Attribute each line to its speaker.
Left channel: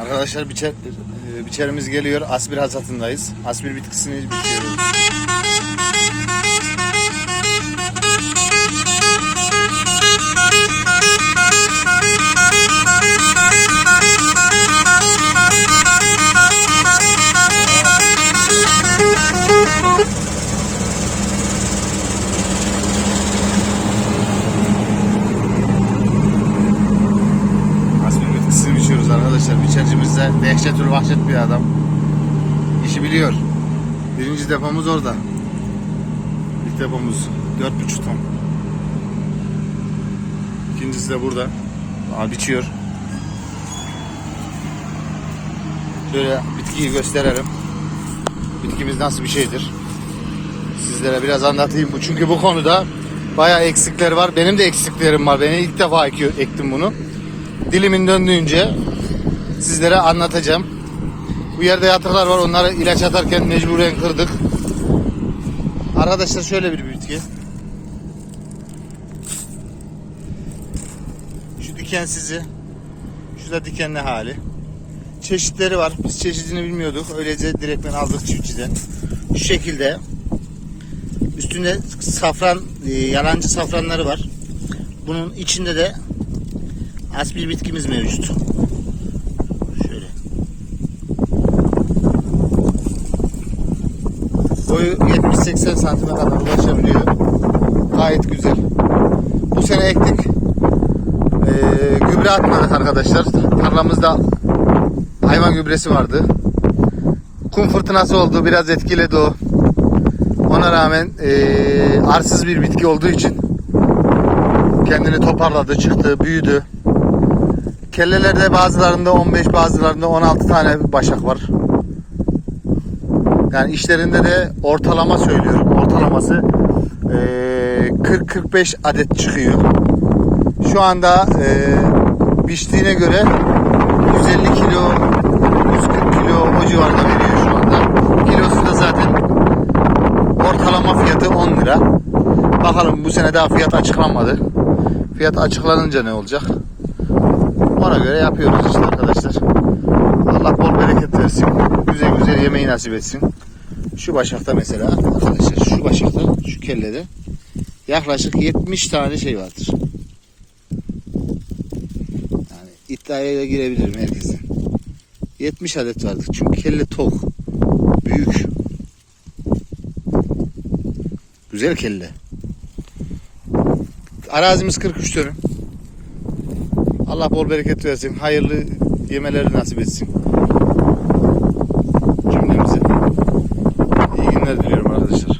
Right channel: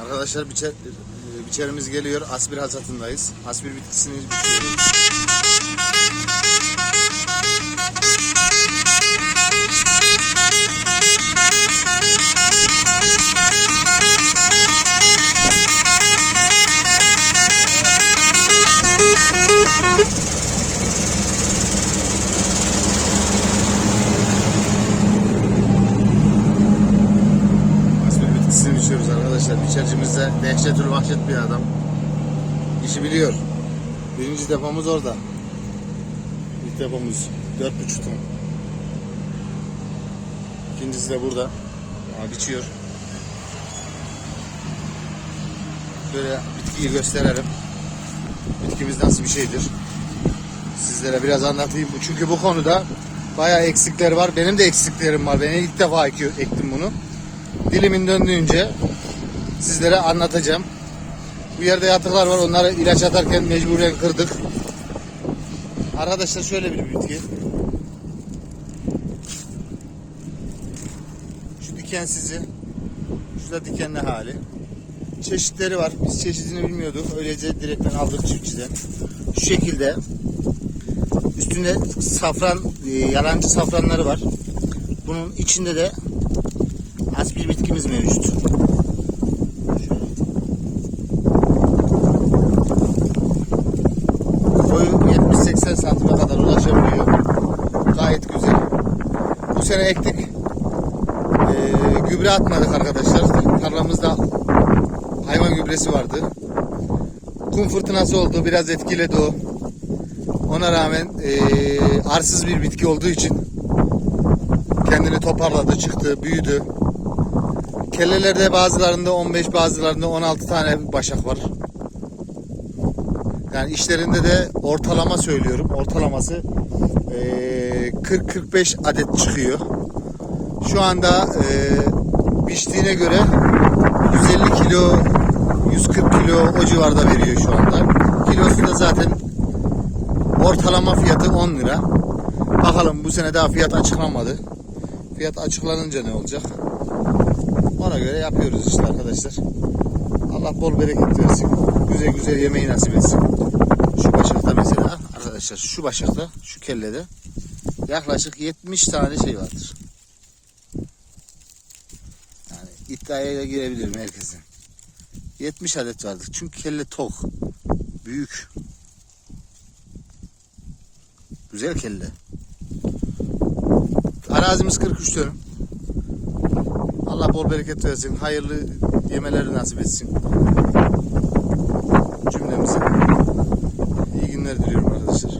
Speaker 1: Arkadaşlar biçer, biçerimiz geliyor. Aspir hasatındayız. Aspir bitkisini biçiyoruz. Aspir bitkisini biçiyoruz arkadaşlar. Biçercimiz de dehşetül vahşet bir adam. İşi biliyor. Birinci depomuz orada. İlk depomuz 4,5 ton. İkincisi de burada. Aa, biçiyor. Şöyle bitkiyi gösterelim. Bitkimiz nasıl bir şeydir? Sizlere biraz anlatayım. Bu Çünkü bu konuda bayağı eksikler var. Benim de eksiklerim var. Ben ilk defa ektim bunu. Dilimin döndüğünce sizlere anlatacağım. Bu yerde yatıklar var. Onları ilaç atarken mecburen kırdık. Arkadaşlar şöyle bir bitki. Şu dikensizi. Şu da dikenli hali. Çeşitleri var. Biz çeşidini bilmiyorduk. Öylece direktmen aldık çiftçiden. Şu şekilde. Üstünde safran, e, yalancı safranları var. Bunun içinde de aspir bitkimiz mevcut. Boyu 70-80 santime kadar ulaşabiliyor. Gayet güzel. Bu sene ektik. Ee, gübre atmadık arkadaşlar. Tarlamızda hayvan gübresi vardı. Kum fırtınası oldu. Biraz etkiledi o. Ona rağmen ee, arsız bir bitki olduğu için kendini toparladı, çıktı, büyüdü. Kellelerde bazılarında 15, bazılarında 16 tane başak var. Yani işlerinde de ortalama söylüyorum. Ortalaması eee, 40-45 adet çıkıyor. Şu anda biçtiğine göre 150 kilo, 140 kilo o civarda veriyor şu anda. Kilosu da zaten ortalama fiyatı 10 lira. Bakalım bu sene daha fiyat açıklanmadı. Fiyat açıklanınca ne olacak? Ona göre yapıyoruz işte arkadaşlar. Allah bol bereket versin. Güzel güzel yemeği nasip etsin. Şu başakta mesela arkadaşlar şu başakta şu kellede yaklaşık 70 tane şey vardır. Yani iddiaya da girebilirim herkesin. 70 adet vardır. Çünkü kelle tok. Büyük. Güzel kelle. Arazimiz 43 dönüm. Allah bol bereket versin. Hayırlı yemeleri nasip etsin günler diliyorum arkadaşlar.